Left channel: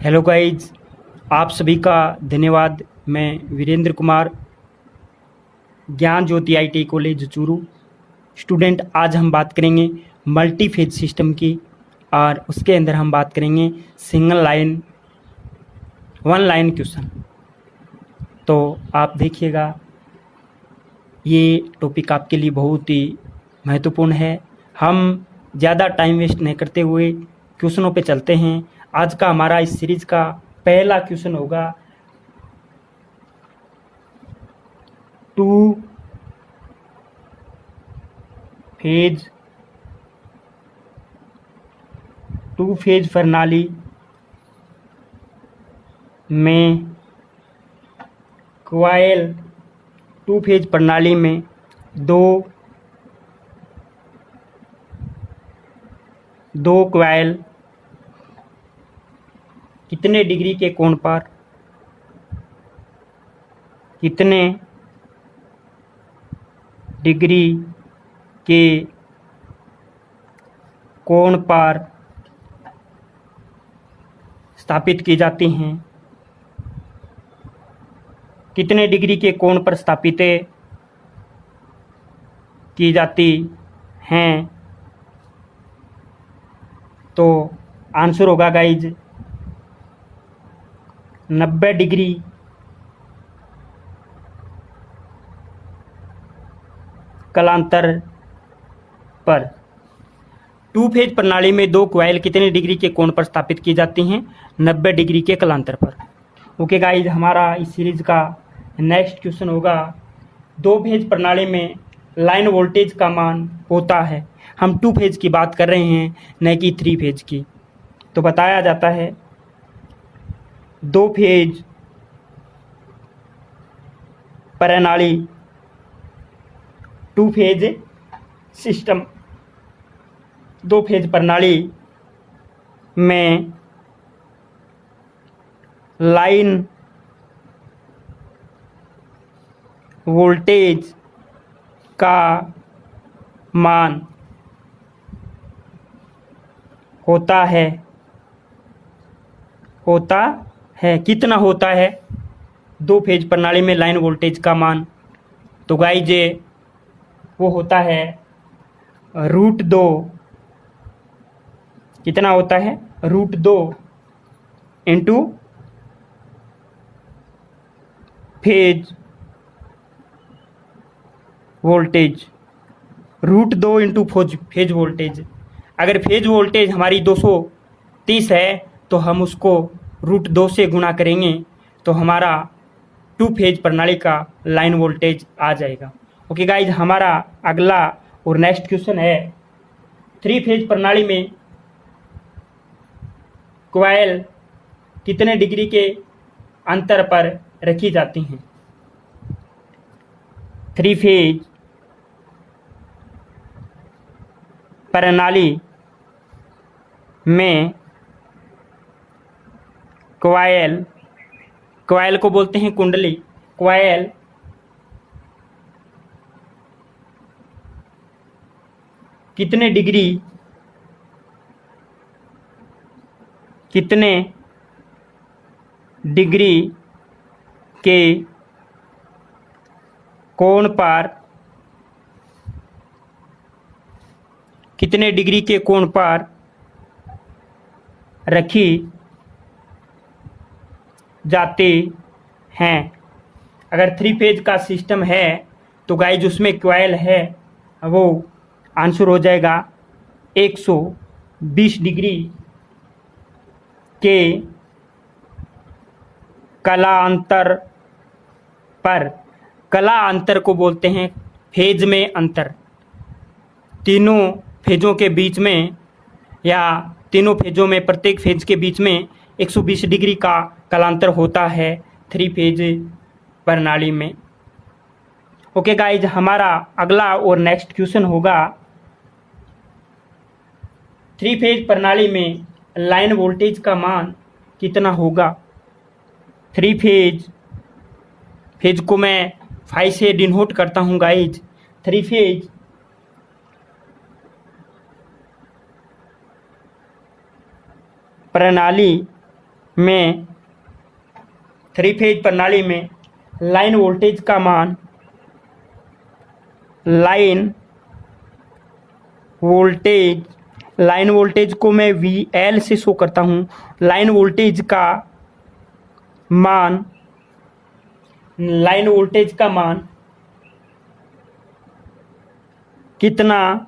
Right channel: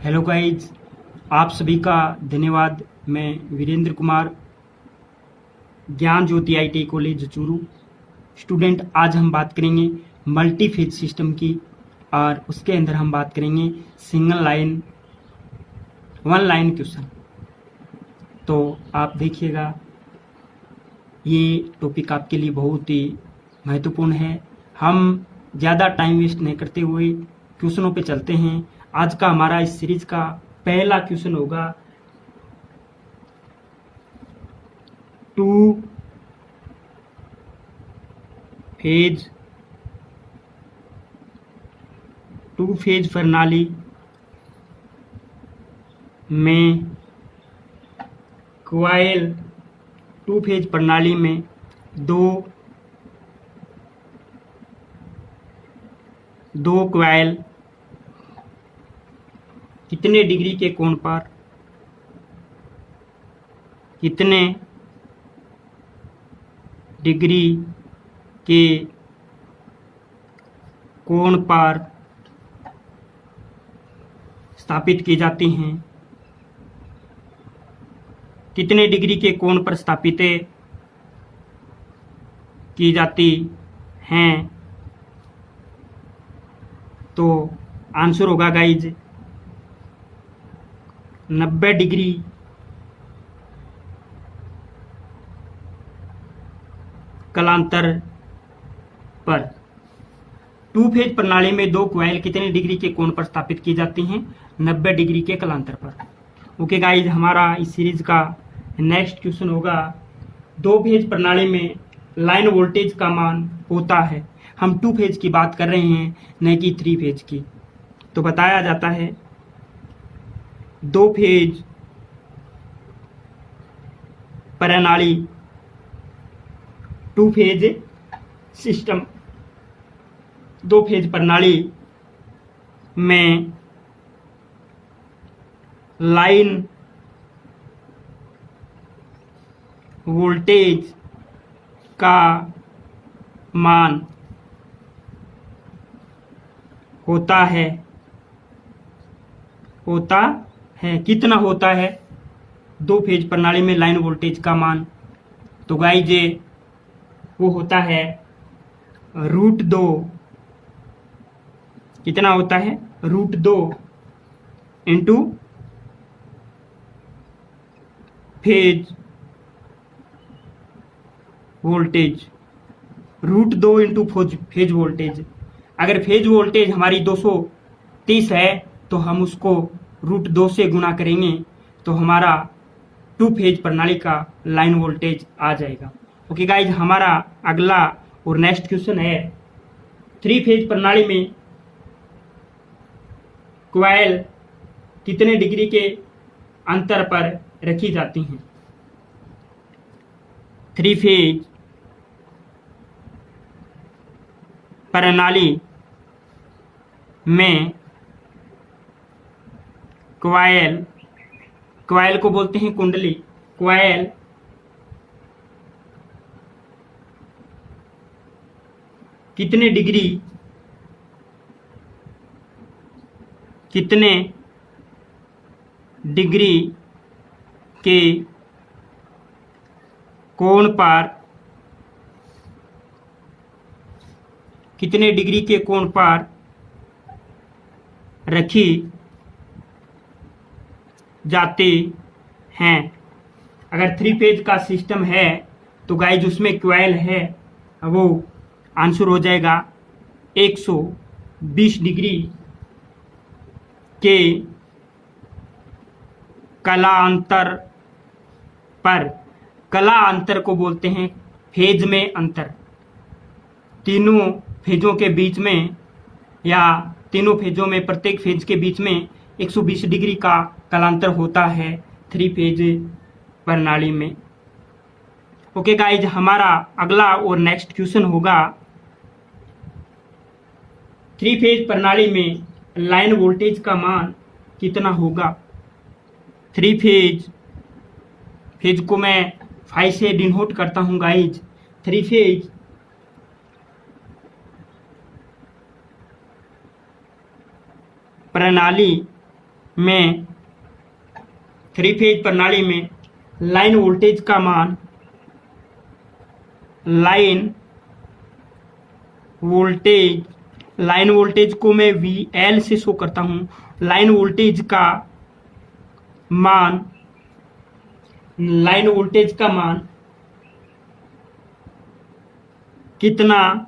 Hello guys, आप सभी का धन्यवाद। मैं वीरेंद्र कुमार, ज्ञान ज्योति आईटी कॉलेज चूरू स्टूडेंट। आज हम बात करेंगे मल्टी फेज सिस्टम की, और उसके अंदर हम बात करेंगे single line one line question. तो आप देखिएगा, ये टॉपिक आपके लिए बहुत ही महत्वपूर्ण है। हम ज़्यादा टाइम वेस्ट नहीं करते हुए क्वेश्चनों पे चलते हैं। आज का हमारा इस सीरीज का पहला क्वेश्चन होगा टू फेज प्रणाली में क्वाइल टू फेज प्रणाली में दो क्वाइल कितने डिग्री के कोण पर स्थापित की जाती हैं, कितने डिग्री के कोण पर स्थापित की जाती हैं। तो आंसर होगा गाइज 90 डिग्री कालांतर पर। टू फेज प्रणाली में दो क्वाइल कितने डिग्री के कोण पर स्थापित की जाती हैं? 90 डिग्री के कालांतर पर। ओके गाइज, हमारा इस सीरीज का नेक्स्ट क्वेश्चन होगा दो फेज प्रणाली में लाइन वोल्टेज का मान होता है। हम टू फेज की बात कर रहे हैं, न कि थ्री फेज की। तो बताया जाता है दो फेज प्रणाली टू फेज सिस्टम, दो फेज प्रणाली में लाइन वोल्टेज का मान होता है कितना होता है दो फेज प्रणाली में लाइन वोल्टेज का मान? तो गाइज वो होता है √2। कितना होता है? √2 into phase voltage. √2 into phase voltage. अगर फेज वोल्टेज हमारी 230 है तो हम उसको √2 से गुणा करेंगे तो हमारा टू फेज प्रणाली का लाइन वोल्टेज आ जाएगा। ओके गाइज, हमारा अगला और नेक्स्ट क्वेश्चन है थ्री फेज प्रणाली में क्वाइल कितने डिग्री के अंतर पर रखी जाती हैं? थ्री फेज प्रणाली में क्वाइल को बोलते हैं कुंडली। क्वाइल कितने डिग्री के कोण पर रखी जाती हैं? अगर थ्री फेज का सिस्टम है तो गाइज उसमें क्वाइल है, वो आंसर हो जाएगा 120 डिग्री के कलांतर पर। कला अंतर को बोलते हैं फेज में अंतर। तीनों फेजों के बीच में या तीनों फेजों में प्रत्येक फेज के बीच में 120 डिग्री का कालांतर होता है थ्री फेज प्रणाली में। ओके गाइज, हमारा अगला और नेक्स्ट क्वेश्चन होगा थ्री फेज प्रणाली में लाइन वोल्टेज का मान कितना होगा? थ्री फेज को मैं 5 से डिनोट करता हूँ गाइज। थ्री फेज प्रणाली में, थ्री फेज प्रणाली में लाइन वोल्टेज का मान, लाइन वोल्टेज को मैं VL से शो करता हूं। लाइन वोल्टेज का मान कितना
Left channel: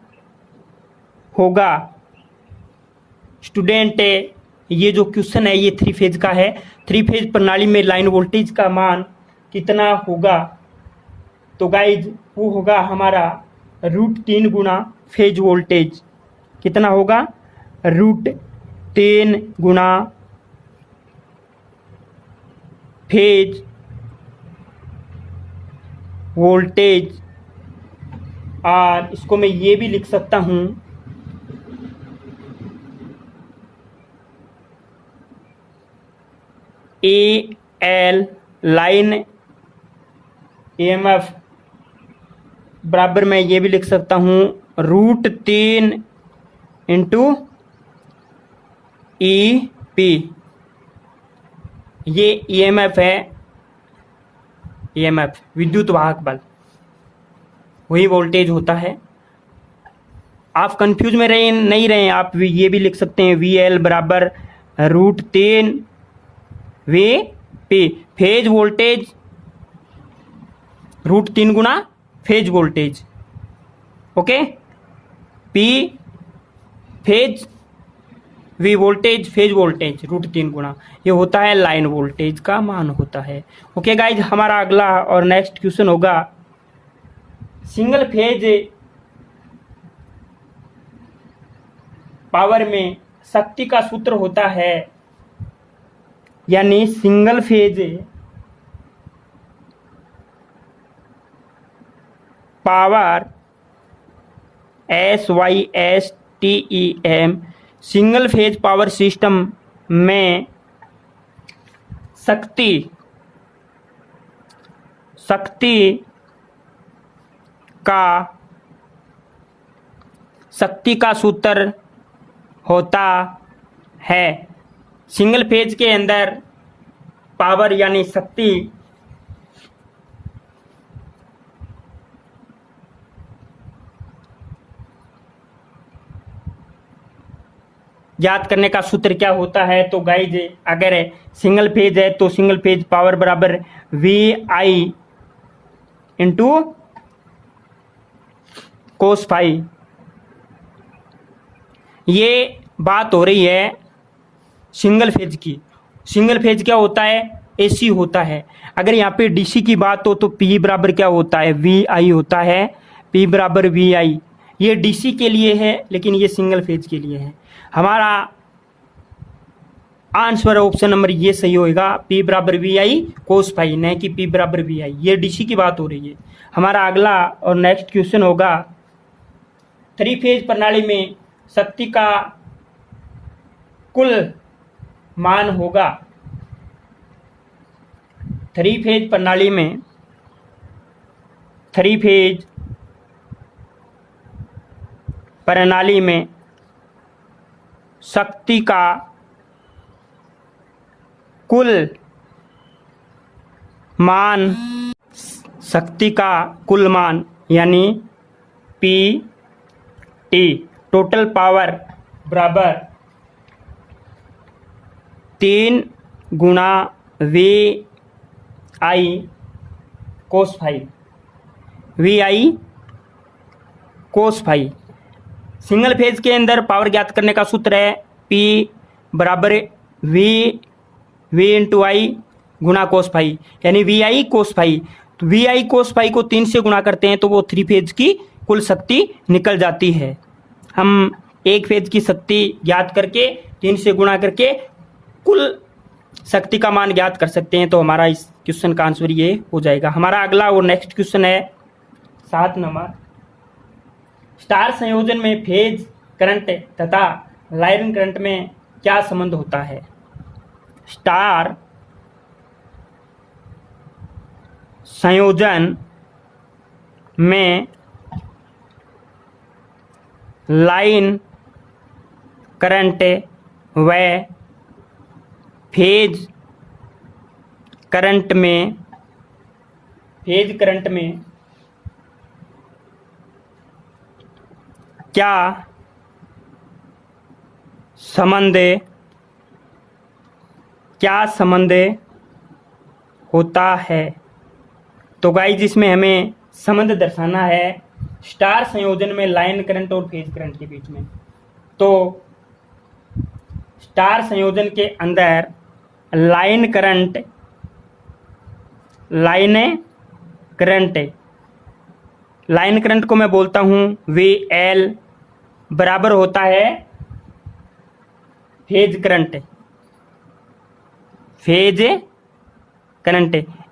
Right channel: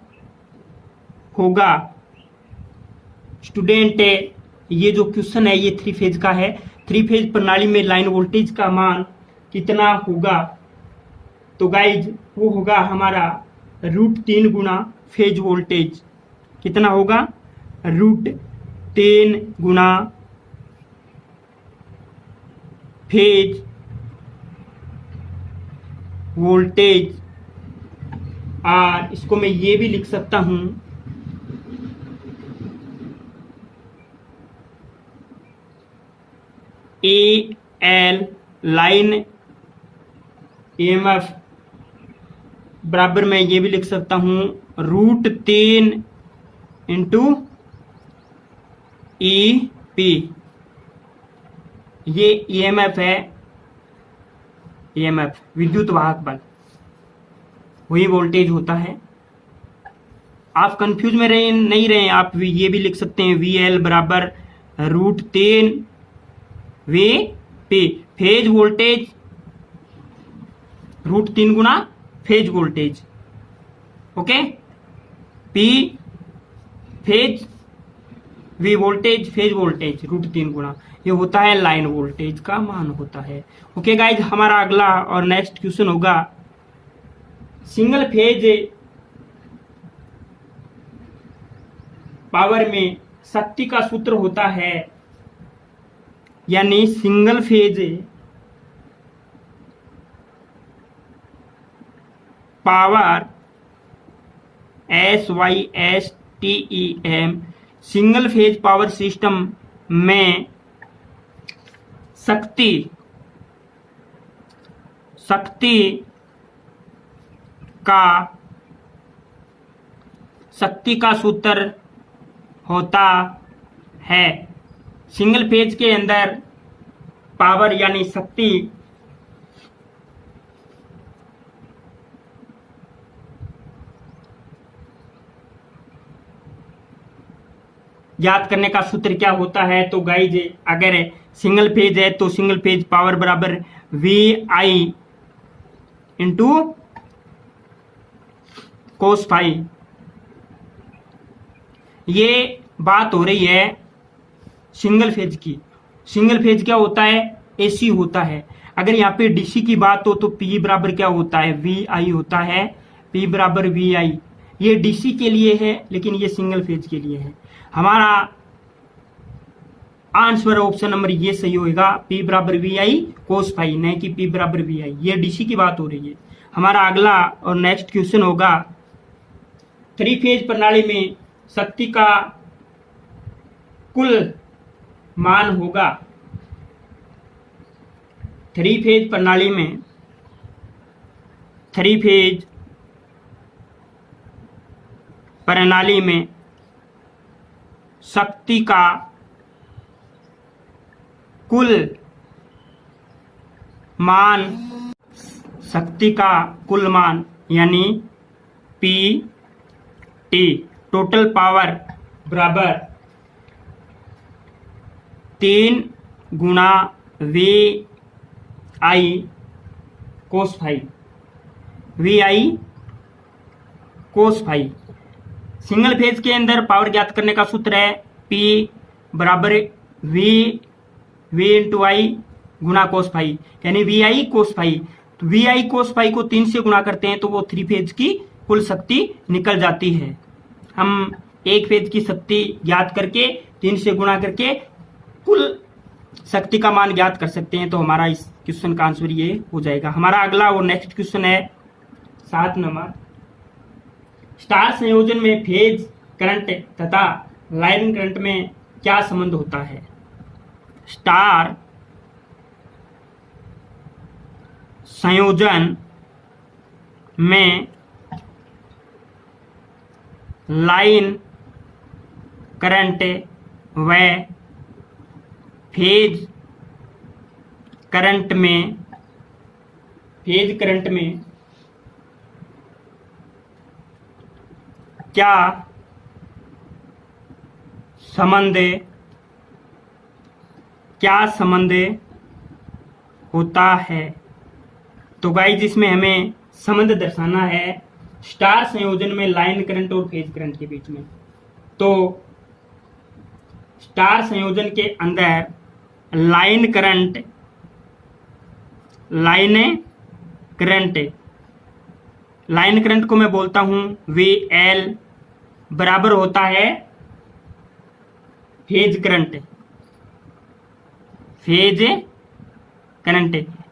होगा? स्टूडेंट, ये जो क्वेश्चन है ये थ्री फेज का है। थ्री फेज प्रणाली में लाइन वोल्टेज का मान कितना होगा? तो गाइज वो होगा हमारा √3 गुना फेज वोल्टेज। कितना होगा? √3 गुना फेज वोल्टेज। और इसको मैं ये भी लिख सकता हूं, AL लाइन EMF बराबर मैं ये भी लिख सकता हूं √3 इंटू EP। ये EMF है, EMF विद्युत वाहक बल, वही वोल्टेज होता है। आप कंफ्यूज में नहीं रहे, आप ये भी लिख सकते हैं VL बराबर √3 VP। फेज वोल्टेज √3 गुना phase voltage, okay. P phase, V voltage, phase voltage √3 गुना, ये होता है लाइन वोल्टेज का मान होता है। ओके गाइज, हमारा अगला और नेक्स्ट क्वेश्चन होगा सिंगल फेज पावर में शक्ति का सूत्र होता है, यानी single phase power SYSTEM, single phase power system में शक्ति का सूत्र होता है। सिंगल फेज के अंदर पावर यानी शक्ति ज्ञात करने का सूत्र क्या होता है? तो गाइज, अगर सिंगल फेज है तो सिंगल फेज पावर बराबर VI इंटू कोस फाई। ये बात हो रही है सिंगल फेज की। सिंगल फेज क्या होता है? AC होता है। अगर यहाँ पे DC की बात हो तो P बराबर क्या होता है? VI होता है। P बराबर VI, ये DC के लिए है लेकिन ये सिंगल फेज के लिए है। हमारा आंसर ऑप्शन नंबर ये सही होगा, P बराबर VI कोस फाई, नहीं कि P बराबर VI। ये DC की बात हो रही है। हमारा अगला और नेक्स्ट क्वेश्चन होगा थ्री फेज प्रणाली में शक्ति का कुल मान होगा। थ्री फेज प्रणाली में शक्ति का कुल मान यानी PT, टोटल पावर बराबर 3 गुना VI cos phi. Single phase के अंदर पावर ज्ञात करने का सूत्र है P बराबर V इंटू I गुना कोस फाई, यानी VI कोस फाई। तो VI कोस फाई को 3 से गुणा करते हैं तो वो थ्री फेज की कुल शक्ति निकल जाती है। हम एक फेज की शक्ति ज्ञात करके 3 से गुणा करके कुल शक्ति का मान ज्ञात कर सकते हैं। तो हमारा इस क्वेश्चन का आंसर ये हो जाएगा। हमारा अगला और नेक्स्ट क्वेश्चन है 7 नंबर। स्टार संयोजन में फेज करंट तथा लाइन करंट में क्या संबंध होता है? स्टार संयोजन में लाइन करंट व फेज करंट में क्या संबंध होता है। तो गाइस इसमें हमें संबंध दर्शाना है स्टार संयोजन में लाइन करंट और फेज करंट के बीच में। तो स्टार संयोजन के अंदर लाइन करंट को मैं बोलता हूं VL बराबर होता है फेज करंट।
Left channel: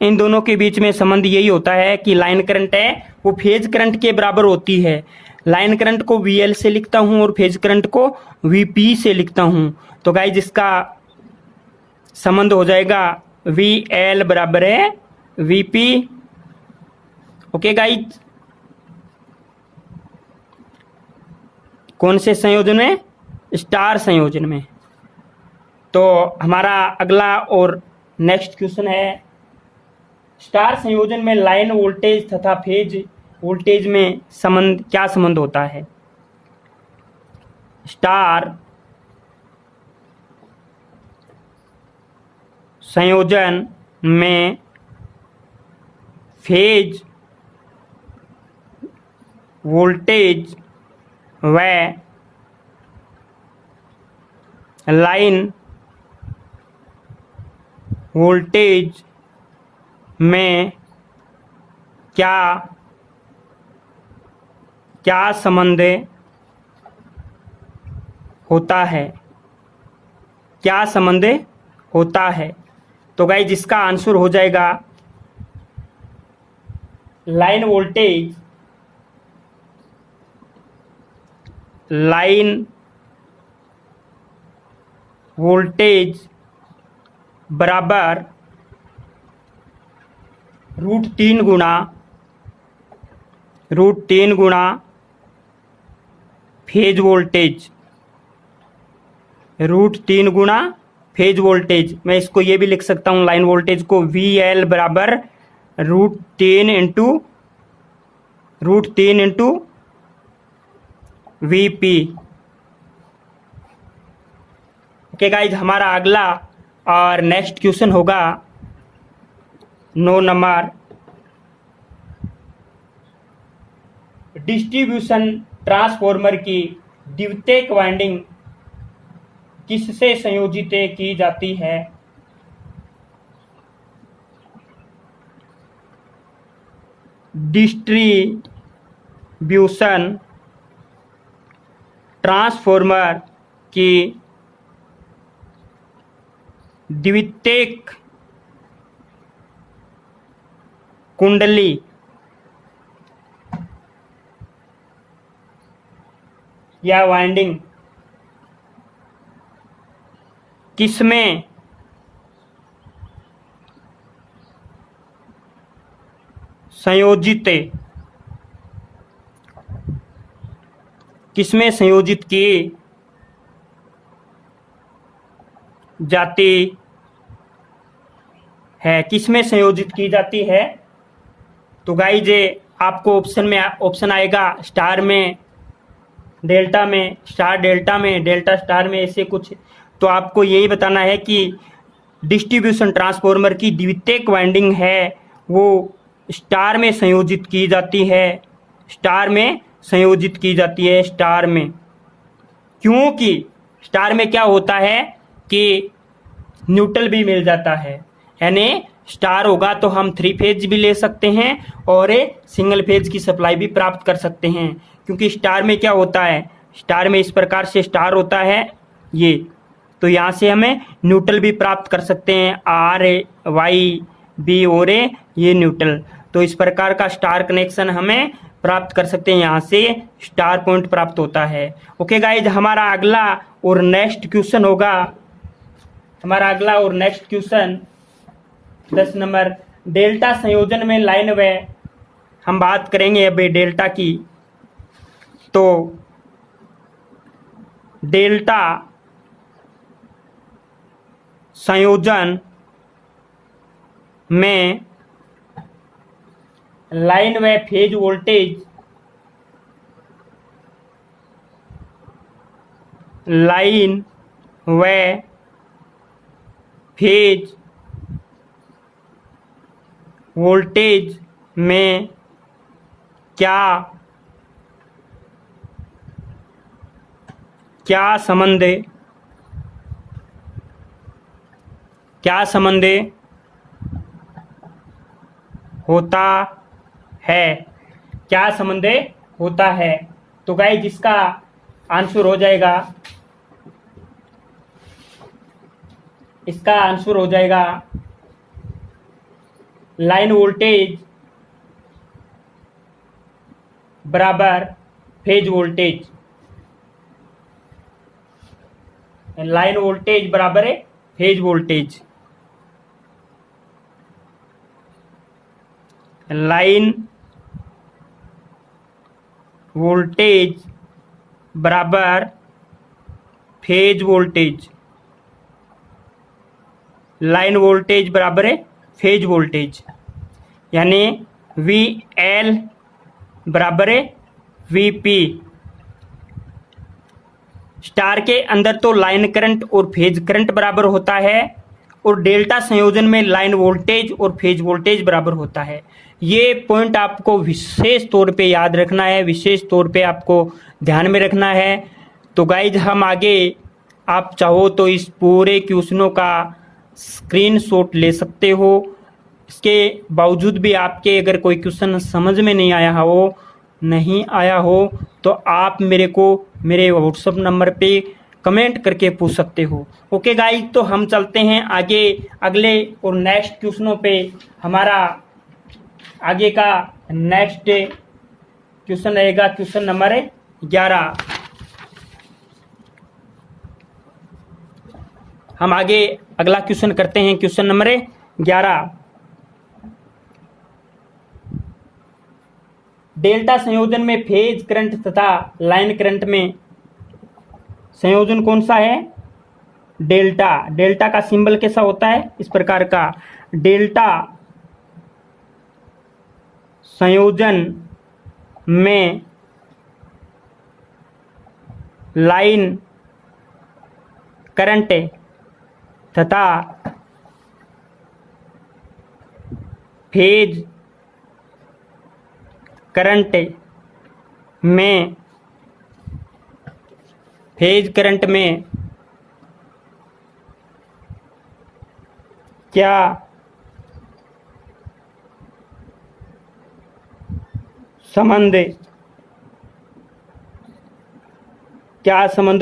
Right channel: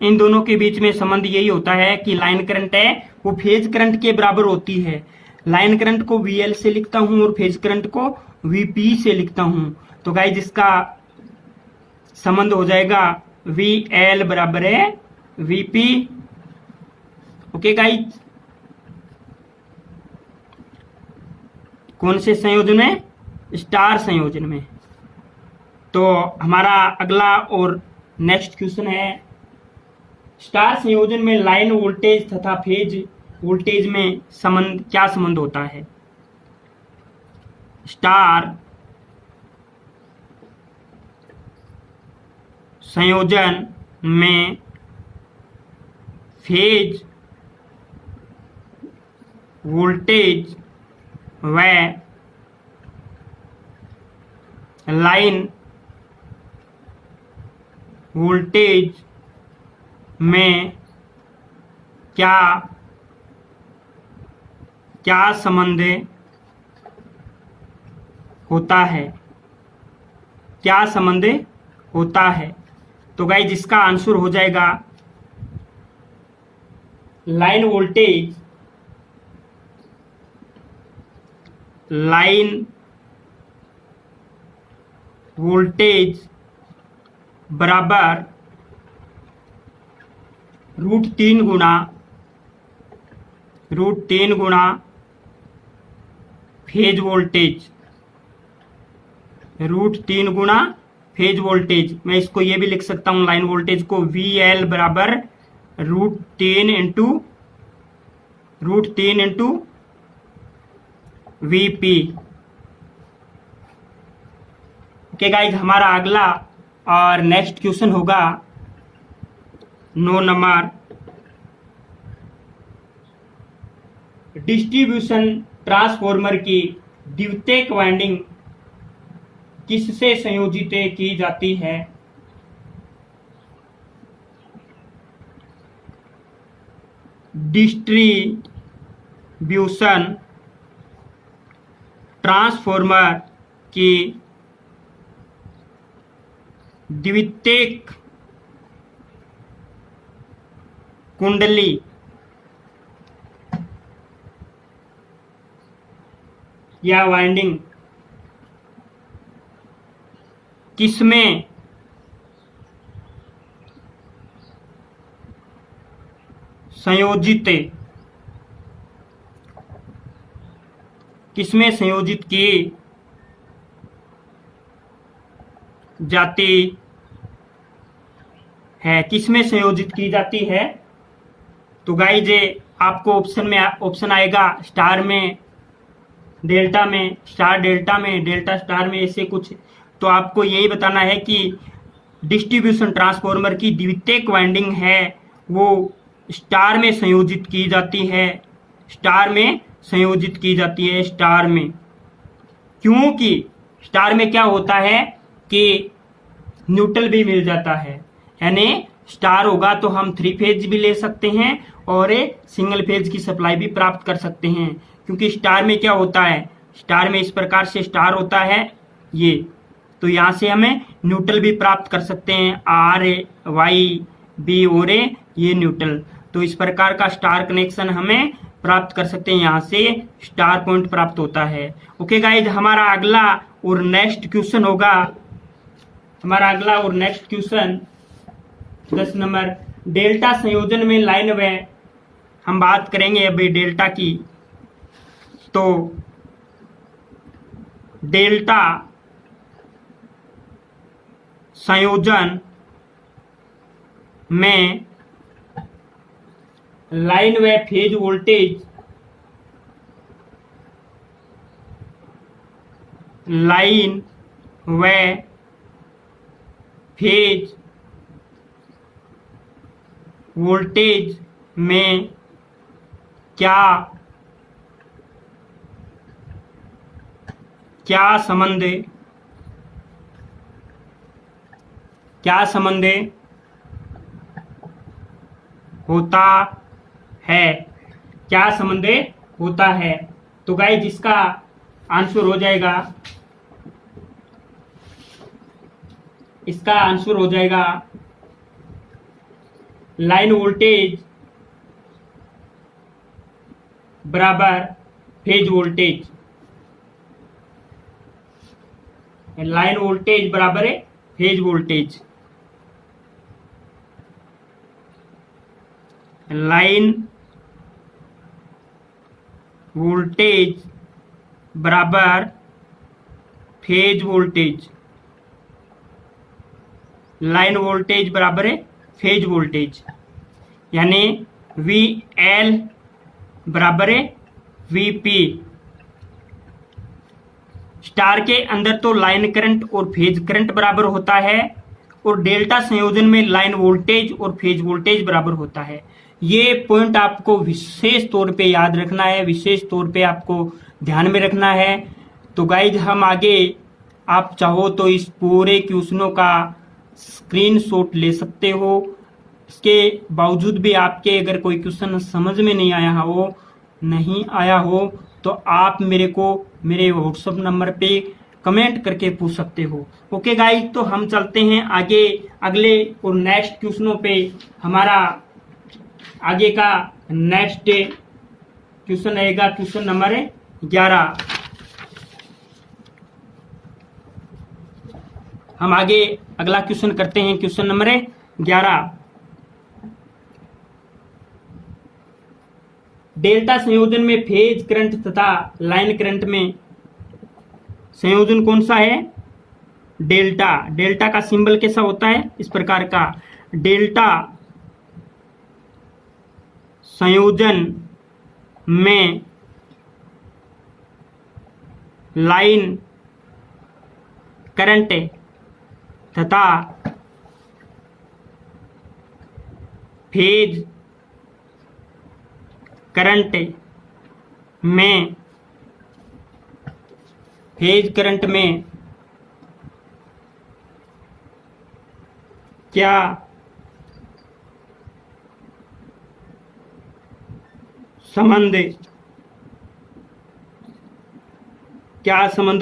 इन दोनों के बीच में संबंध यही होता है कि लाइन करंट है वो फेज करंट के बराबर होती है। लाइन करंट को VL से लिखता हूं और फेज करंट को VP से लिखता हूं। तो गाइस इसका संबंध हो जाएगा VL बराबर है VP। ओके गाइस, कौन से संयोजन में? स्टार संयोजन में। तो हमारा अगला और नेक्स्ट क्वेश्चन है स्टार संयोजन में लाइन वोल्टेज तथा फेज वोल्टेज में क्या संबंध होता है। स्टार संयोजन में फेज वोल्टेज व लाइन वोल्टेज में क्या संबंध होता है। क्या संबंध होता है? तो गाइस इसका आंसर हो जाएगा लाइन वोल्टेज बराबर √3 गुणा फेज वोल्टेज। √3 गुणा फेज वोल्टेज। मैं इसको ये भी लिख सकता हूं लाइन वोल्टेज को VL बराबर √3 इंटू VP। ओके गाइज, हमारा अगला और नेक्स्ट क्वेश्चन होगा 9 नंबर। डिस्ट्रीब्यूशन ट्रांसफॉर्मर की द्वितीयक वाइंडिंग किससे संयोजित की जाती है। डिस्ट्रीब्यूशन ट्रांसफॉर्मर की द्वितीयक कुंडली या वाइंडिंग किसमें संयोजित की जाती है। किसमें संयोजित की जाती है? तो गाइज आपको ऑप्शन आएगा स्टार में, डेल्टा में, स्टार डेल्टा में, डेल्टा स्टार में, ऐसे कुछ। तो आपको यही बताना है कि डिस्ट्रीब्यूशन ट्रांसफॉर्मर की द्वितीयक वाइंडिंग है वो स्टार में संयोजित की जाती है। स्टार में संयोजित की जाती है, स्टार में। क्योंकि स्टार में क्या होता है कि न्यूट्रल भी मिल जाता है, यानी स्टार होगा तो हम 3 फेज भी ले सकते हैं और सिंगल फेज की सप्लाई भी प्राप्त कर सकते हैं। क्योंकि स्टार में क्या होता है, स्टार में इस प्रकार से स्टार होता है ये, तो यहाँ से हमें न्यूट्रल भी प्राप्त कर सकते हैं, RYB और ये न्यूट्रल। तो इस प्रकार का स्टार कनेक्शन हमें प्राप्त कर सकते हैं, यहाँ से स्टार पॉइंट प्राप्त होता है। ओके गाइज, हमारा अगला और नेक्स्ट क्वेश्चन होगा, हमारा अगला और नेक्स्ट क्वेश्चन 10 नंबर। डेल्टा संयोजन में लाइन व हम बात करेंगे अभी डेल्टा की। तो डेल्टा संयोजन में लाइन व फेज वोल्टेज लाइन व फेज वोल्टेज में क्या क्या संबंध होता है, क्या संबंध होता है। तो गाइस जिसका आंसर हो जाएगा, इसका आंसर हो जाएगा लाइन वोल्टेज बराबर फेज वोल्टेज। लाइन वोल्टेज बराबर है फेज वोल्टेज। लाइन वोल्टेज बराबर फेज वोल्टेज। लाइन वोल्टेज बराबर है फेज वोल्टेज, यानी वी एल बराबर है वी पी। स्टार के अंदर तो लाइन करंट और फेज करंट बराबर होता है, और डेल्टा संयोजन में लाइन वोल्टेज और फेज वोल्टेज बराबर होता है। ये पॉइंट आपको विशेष तौर पे याद रखना है, विशेष तौर पे आपको ध्यान में रखना है। तो गाइज हम आगे, आप चाहो तो इस पूरे क्वेश्चनों का स्क्रीनशॉट ले सकते हो। इसके बावजूद भी आपके अगर कोई क्वेश्चन समझ में नहीं आया हो तो आप मेरे को मेरे व्हाट्सएप नंबर पे कमेंट करके पूछ सकते हो। ओके गाइज, तो हम चलते हैं आगे अगले और नेक्स्ट क्वेश्चनों पे। हमारा आगे का नेक्स्ट क्वेश्चन रहेगा क्वेश्चन नंबर 11। हम आगे अगला क्वेश्चन करते हैं, क्वेश्चन नंबर 11। डेल्टा संयोजन में फेज करंट तथा लाइन करंट में संयोजन कौन सा है? डेल्टा। डेल्टा का सिंबल कैसा होता है? इस प्रकार का। डेल्टा संयोजन में लाइन करंट तथा फेज करंट में क्या संबंध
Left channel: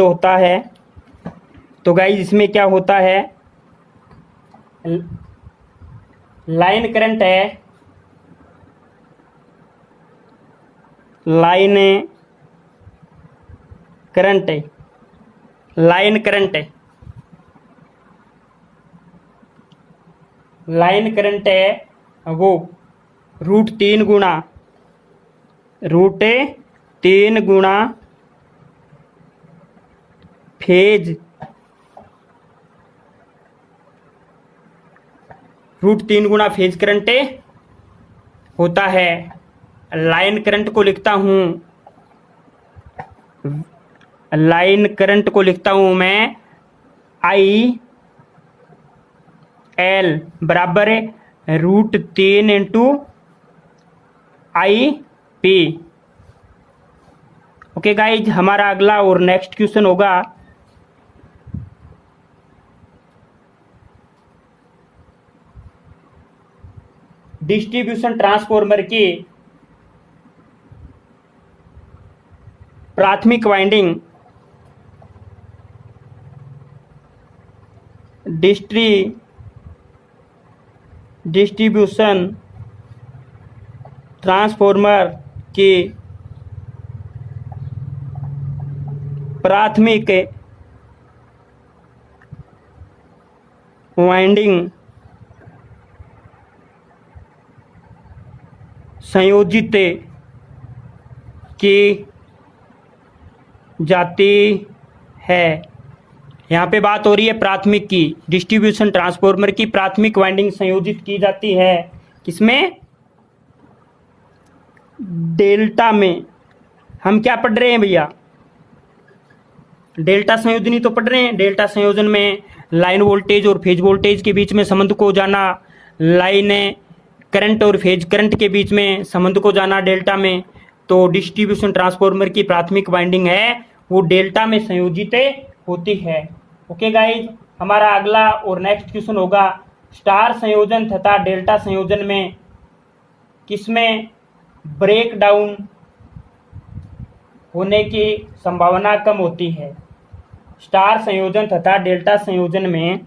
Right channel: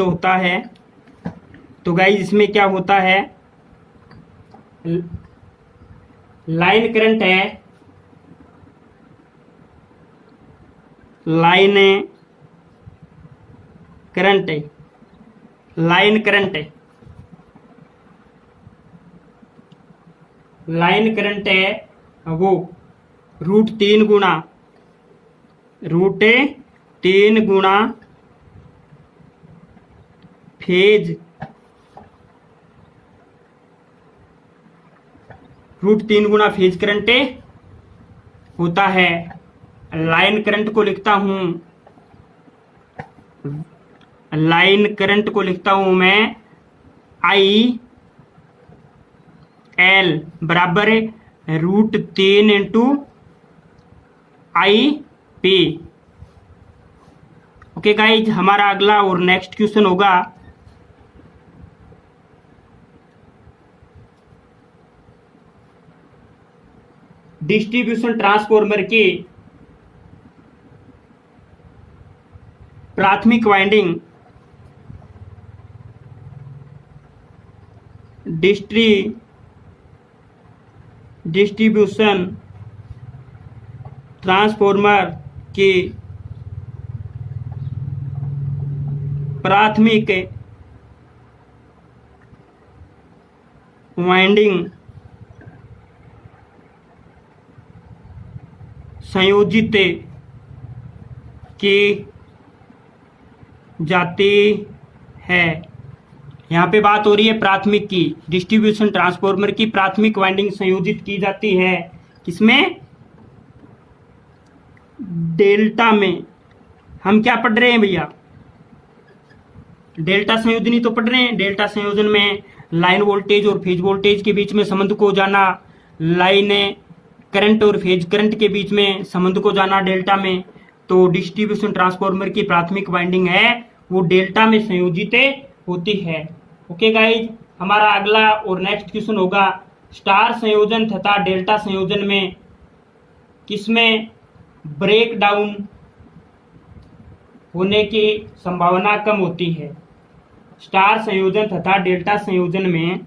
होता है? तो गाइस इसमें क्या होता है, लाइन करंट है, लाइन करंट है वो रूट 3 गुणा फेज, रूट 3 गुणा फेज करंट होता है। लाइन करंट को लिखता हूं मैं आई एल बराबर root 3 into I P. Okay guys, हमारा अगला और नेक्स्ट क्वेश्चन होगा डिस्ट्रीब्यूशन ट्रांसफार्मर की प्राथमिक वाइंडिंग डिस्ट्रीब्यूशन ट्रांसफार्मर की प्राथमिक वाइंडिंग संयोजित की जाती है। यहाँ पे बात हो रही है प्राथमिक की। डिस्ट्रीब्यूशन ट्रांसफॉर्मर की प्राथमिक वाइंडिंग संयोजित की जाती है किसमें? डेल्टा में। हम क्या पढ़ रहे हैं भैया? डेल्टा संयोजन ही तो पढ़ रहे हैं। डेल्टा संयोजन में लाइन वोल्टेज और फेज वोल्टेज के बीच में संबंध को जाना, लाइन करंट और फेज करंट के बीच में संबंध को जाना डेल्टा में। तो डिस्ट्रीब्यूशन ट्रांसफॉर्मर की प्राथमिक वाइंडिंग है वो डेल्टा में संयोजित होती है। ओके गाइज, हमारा अगला और नेक्स्ट क्वेश्चन होगा स्टार संयोजन तथा डेल्टा संयोजन में किसमें ब्रेक डाउन होने की संभावना कम होती है? स्टार संयोजन तथा डेल्टा संयोजन में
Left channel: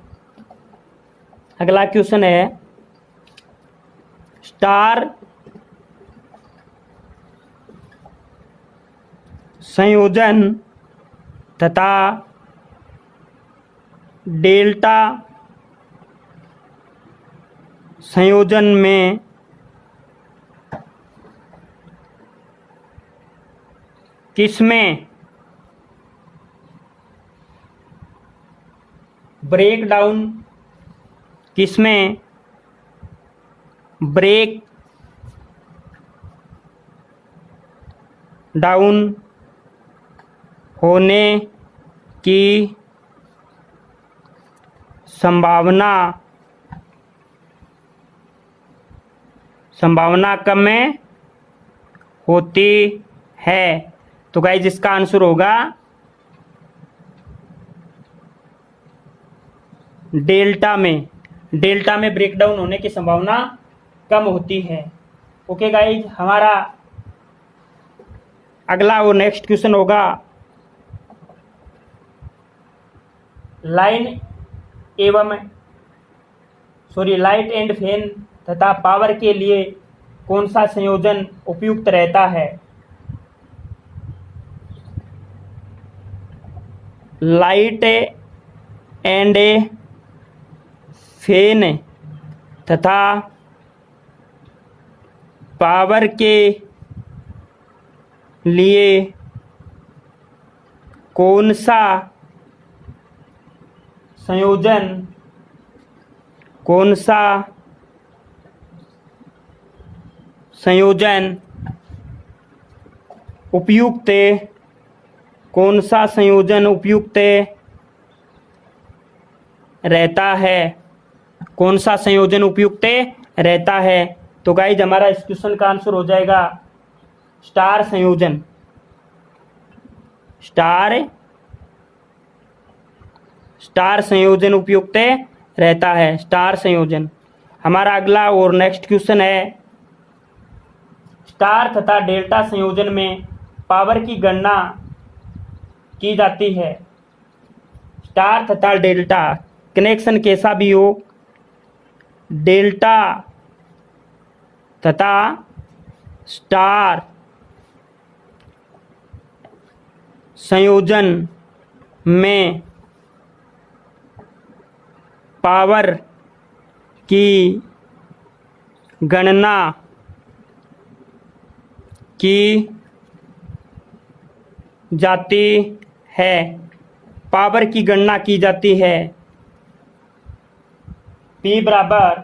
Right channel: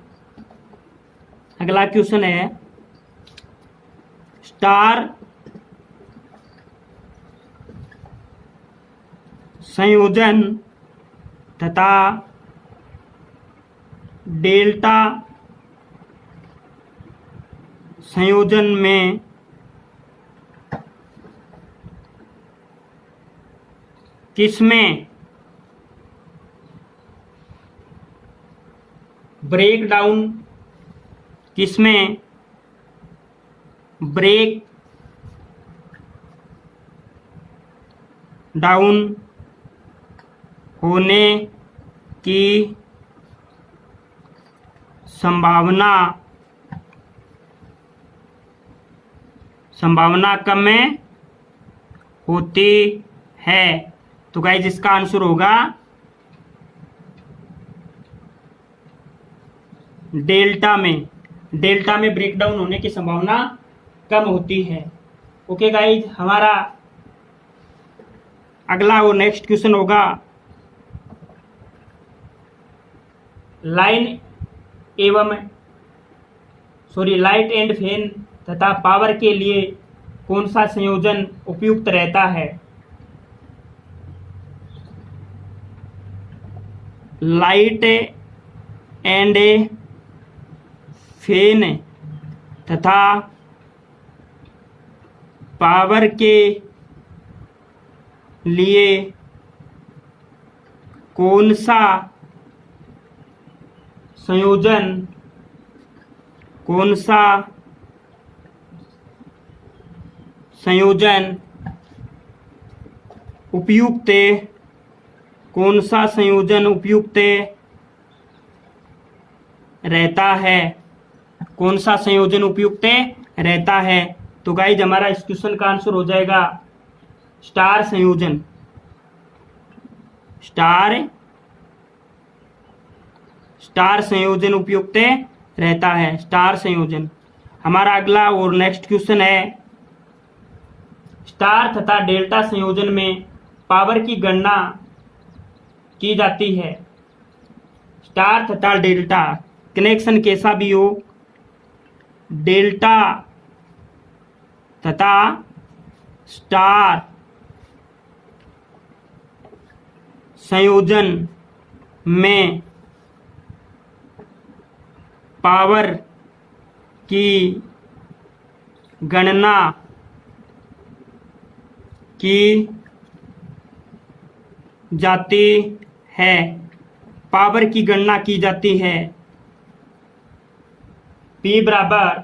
अगला क्वेश्चन है स्टार संयोजन तथा डेल्टा संयोजन में किसमें ब्रेक डाउन, किसमें ब्रेक डाउन होने की संभावना कम होती है? तो गाइस इसका आंसर होगा डेल्टा में। डेल्टा में ब्रेकडाउन होने की संभावना कम होती है। ओके गाइस, हमारा अगला और नेक्स्ट क्वेश्चन होगा लाइट एंड फैन तथा पावर के लिए कौन सा संयोजन उपयुक्त रहता है? लाइट एंड फैन तथा पावर के लिए कौन सा संयोजन उपयुक्त रहता है? कौन सा संयोजन उपयुक्त रहता है? तो गाइज हमारा इस क्वेश्चन का आंसर हो जाएगा स्टार संयोजन। स्टार संयोजन उपयुक्त रहता है, स्टार संयोजन। हमारा अगला और नेक्स्ट क्वेश्चन है स्टार तथा डेल्टा संयोजन में पावर की गणना की जाती है। स्टार तथा डेल्टा कनेक्शन कैसा भी हो, डेल्टा तथा स्टार संयोजन में पावर की गणना की जाती है। पावर की गणना की जाती है P बराबर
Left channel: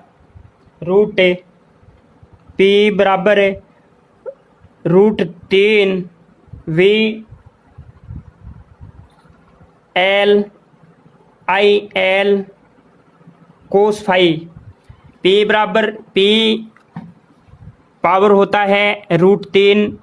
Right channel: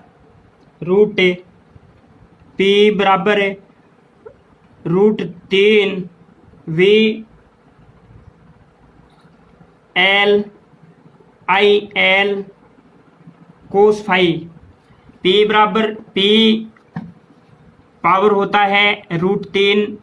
root 3 V L I L cos phi. P power होता है रूट 3,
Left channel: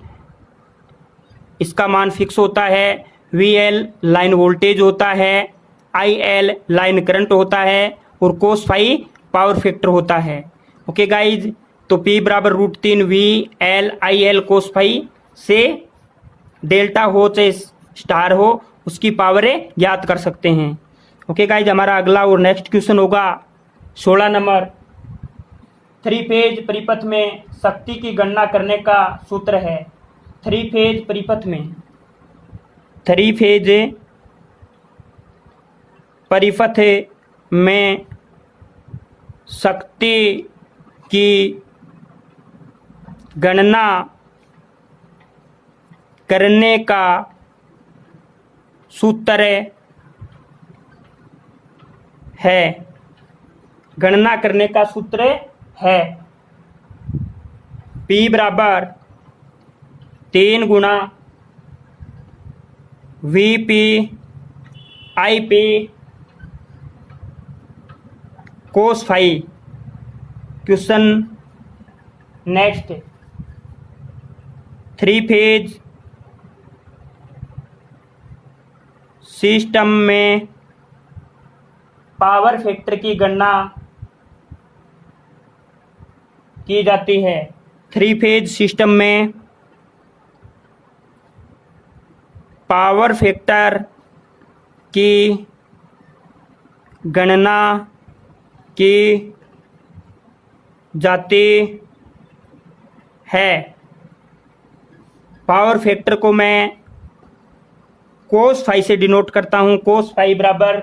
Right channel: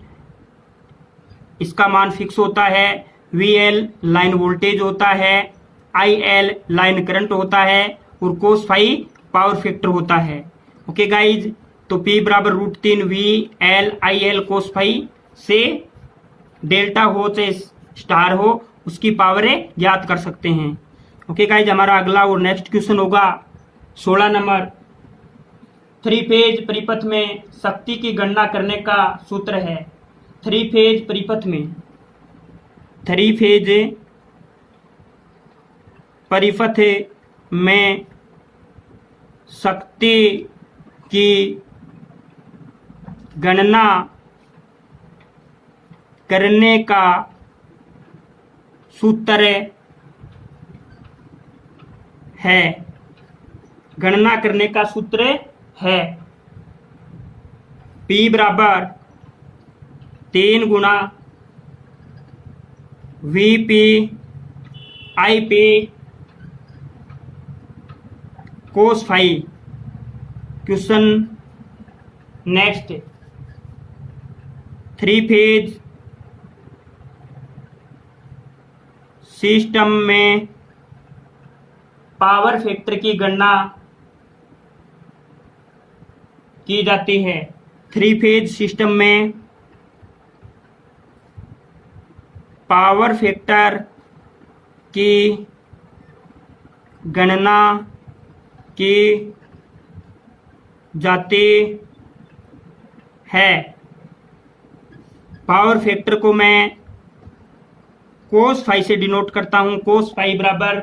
इसका मान फिक्स होता है। VL लाइन वोल्टेज होता है, IL लाइन करंट होता है और कोस फाई पावर फैक्टर होता है। ओके गाइज, तो P बराबर root 3 VL IL cos phi से डेल्टा हो चाहे स्टार हो उसकी पावर ज्ञात कर सकते हैं। ओके गाइज, हमारा अगला और नेक्स्ट क्वेश्चन होगा 16 नंबर। 3 फेज परिपथ में शक्ति की गणना करने का सूत्र है। 3 फेज परिपथ में शक्ति की गणना करने का सूत्र है। गणना करने का सूत्र है P बराबर 3 गुणा VP IP cos phi. Question next, 3 phase system में पावर फैक्टर की गणना की जाती है। 3 फेज सिस्टम में पावर फैक्टर की गणना की जाती है। पावर फैक्टर को मैं कोस फाई से डिनोट करता हूं। कोस फाई बराबर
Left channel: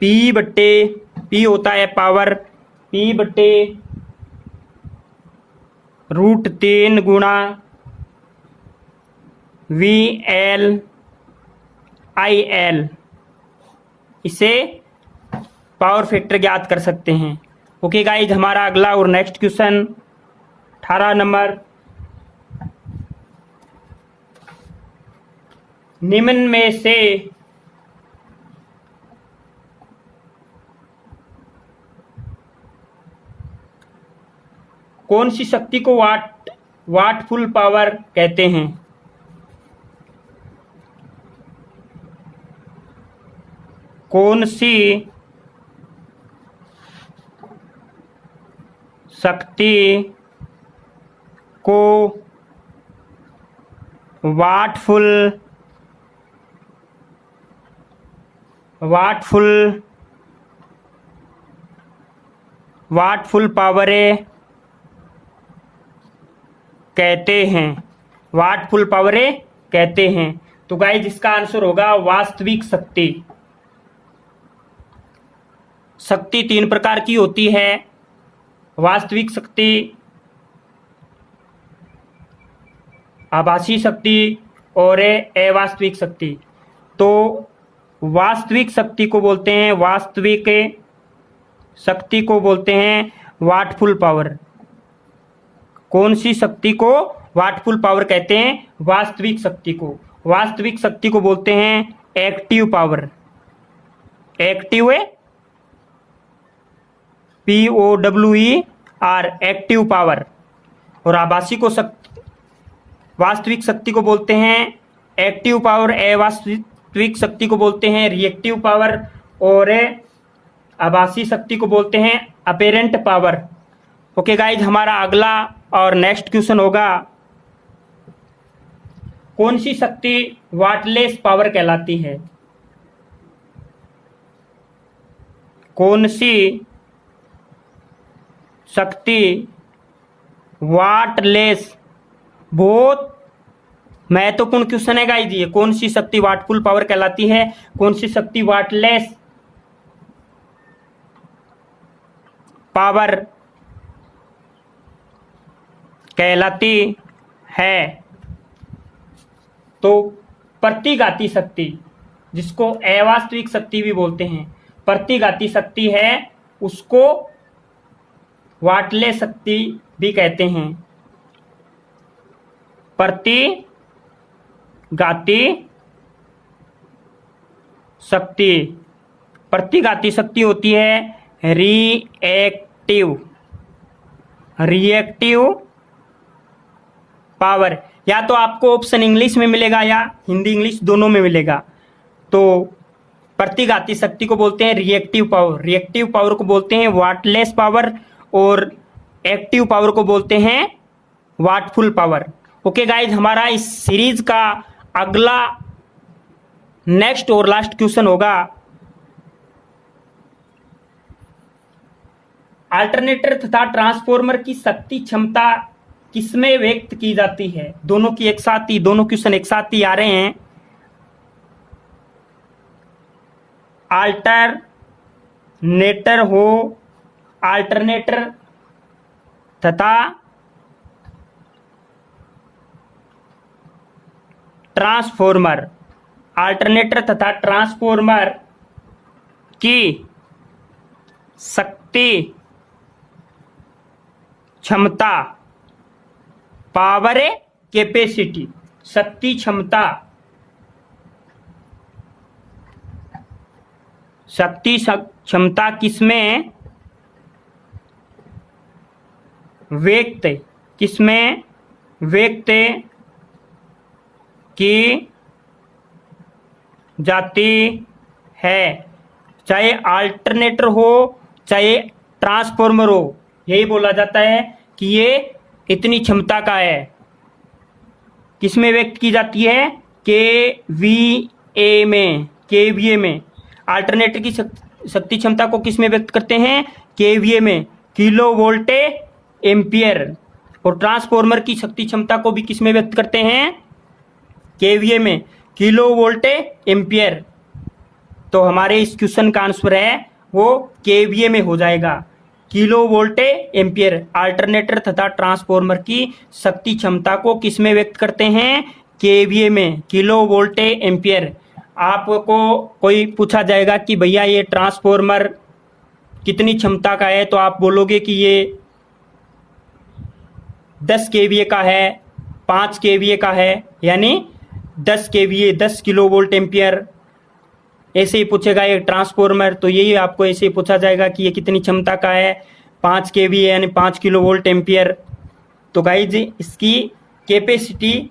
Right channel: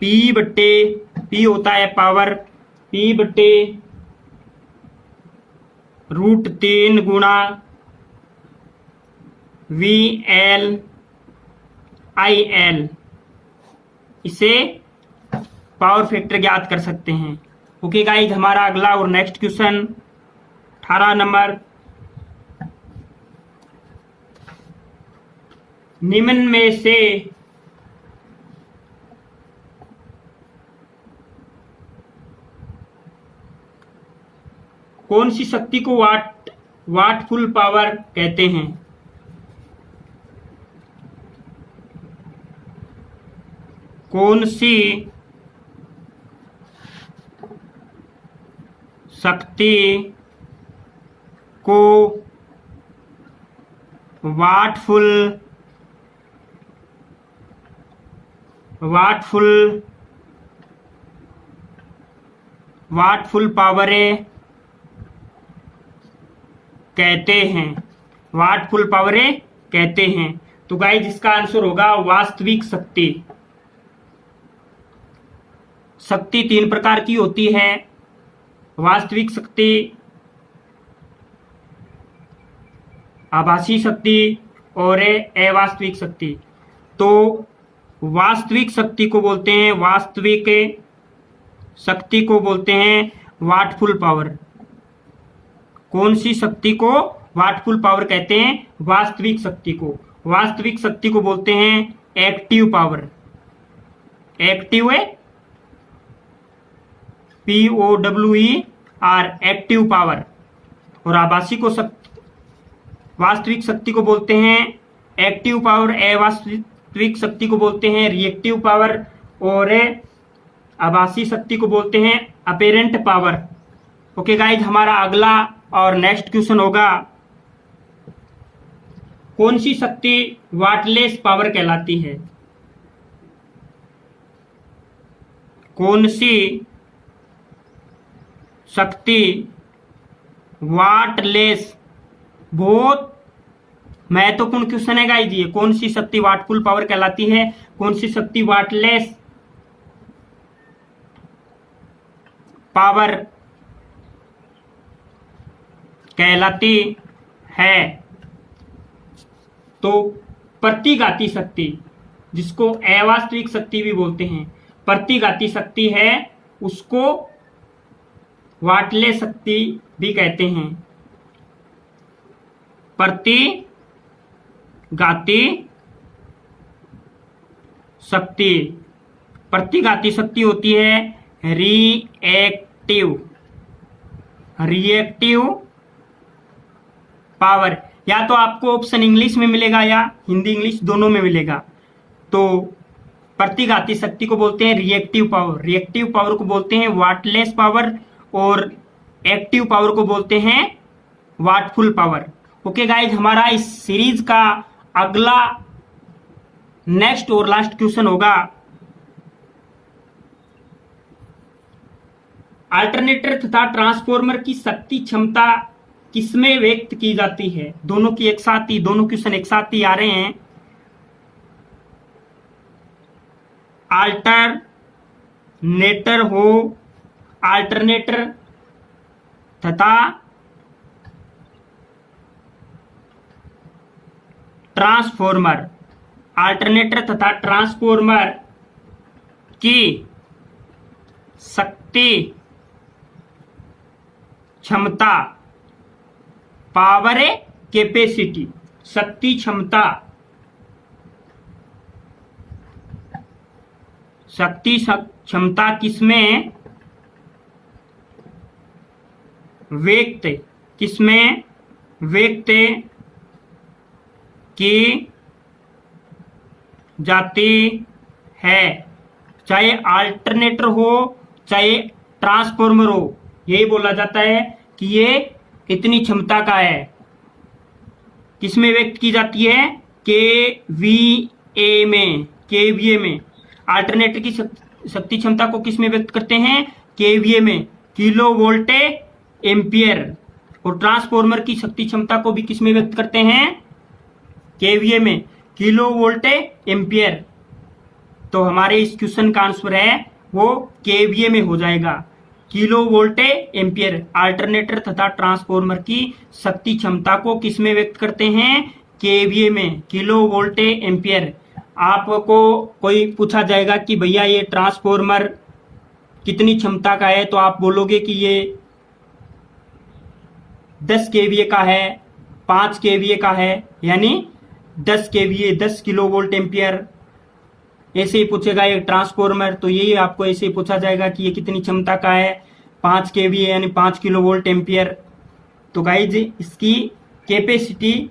P होता है पावर, P/√3 गुणा VL/IL। इसे पावर फैक्टर ज्ञात कर सकते हैं। ओके गाइज, हमारा अगला और नेक्स्ट क्वेश्चन 18 नंबर, निम्न में से कौन सी शक्ति को वाटफुल पावर कहते हैं? कौन सी शक्ति को वाटफुल पावरें कहते हैं? वाटफुल पावरें कहते हैं। तो गाइस इसका आंसर होगा वास्तविक शक्ति। शक्ति 3 प्रकार की होती है, वास्तविक शक्ति, आभासी शक्ति और अवास्तविक शक्ति। तो वास्तविक शक्ति को बोलते हैं वाटफुल पावर। कौन सी शक्ति को वाटफुल पावर कहते हैं? वास्तविक शक्ति को। वास्तविक शक्ति को बोलते हैं एक्टिव पावर। एक्टिव है POWER, एक्टिव पावर। और आभासी को वास्तविक शक्ति को बोलते हैं एक्टिव पावर। अवास्तविक शक्ति को बोलते हैं रिएक्टिव पावर और आभासी शक्ति को बोलते हैं अपेरेंट पावर। ओके गाइज, हमारा अगला और नेक्स्ट क्वेश्चन होगा, कौन सी शक्ति वाटलेस पावर कहलाती है? कौन सी शक्ति वाटलेस, बहुत महत्वपूर्ण क्वेश्चन है गाइज ये। कौन सी शक्ति वाटफुल पावर कहलाती है? कौन सी शक्ति वाटलेस पावर कहलाती है? तो प्रतिघाती शक्ति, जिसको अवास्तविक शक्ति भी बोलते हैं, प्रतिघाती शक्ति है, उसको वाटलेस शक्ति भी कहते हैं। प्रतिघाती शक्ति, प्रतिघाती शक्ति होती है रिएक्टिव पावर। या तो आपको ऑप्शन इंग्लिश में मिलेगा या हिंदी इंग्लिश दोनों में मिलेगा। तो प्रतिघाती शक्ति को बोलते हैं रिएक्टिव पावर, रिएक्टिव पावर को बोलते हैं वाटलेस पावर और एक्टिव पावर को बोलते हैं वाटफुल पावर। ओके गाइज, हमारा इस सीरीज का अगला नेक्स्ट और लास्ट क्वेश्चन होगा, अल्टरनेटर तथा ट्रांसफॉर्मर की शक्ति क्षमता किसमें व्यक्त की जाती है? दोनों की एक साथ ही, दोनों क्वेश्चन एक साथ ही आ रहे हैं। अल्टरनेटर तथा ट्रांसफॉर्मर, अल्टरनेटर तथा ट्रांसफॉर्मर की शक्ति क्षमता, पावर कैपेसिटी, शक्ति क्षमता, शक्ति क्षमता किसमें व्यक्त की जाती है, चाहे अल्टरनेटर हो चाहे ट्रांसफॉर्मर हो। यही बोला जाता है कि ये इतनी क्षमता का है। किसमें व्यक्त की जाती है? केवीए में। अल्टरनेटर की शक्ति क्षमता को किसमें व्यक्त करते हैं? केवीए में, किलो वोल्ट एम्पियर। और ट्रांसफॉर्मर की शक्ति क्षमता को भी किसमें व्यक्त करते हैं? केवीए में, किलो वोल्ट एम्पियर। तो हमारे इस क्वेश्चन का आंसर है वो केवीए में हो जाएगा, किलो वोल्ट एम्पियर। अल्टरनेटर तथा ट्रांसफॉर्मर की शक्ति क्षमता को किसमें व्यक्त करते हैं? केवीए में, किलो वोल्ट एम्पियर। आपको कोई पूछा जाएगा कि भैया ये ट्रांसफॉर्मर कितनी क्षमता का है, तो आप बोलोगे कि ये 10 केवीए का है, 5 केवीए का है, यानी 10 केवीए 10 किलो वोल्ट एम्पियर। ऐसे ही पूछेगा ये ट्रांसफॉर्मर, तो यही आपको ऐसे ही पूछा जाएगा कि ये कितनी क्षमता का है, 5 केवीए यानी 5 किलो वोल्ट एम्पियर। तो गाइज इसकी कैपेसिटी,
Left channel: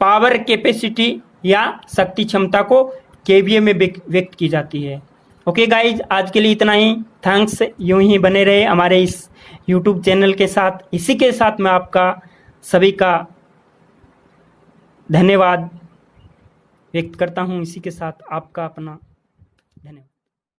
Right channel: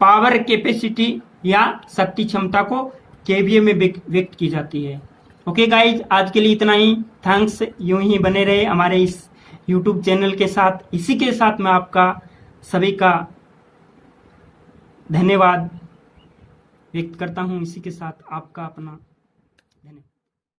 पावर कैपेसिटी या शक्ति क्षमता को केवीए में व्यक्त की जाती है। ओके गाइज, आज के लिए इतना ही। थैंक्स, यूं ही बने रहे हमारे इस यूट्यूब चैनल के साथ। इसी के साथ मैं आपका सभी का धन्यवाद व्यक्त करता हूं। इसी के साथ आपका अपना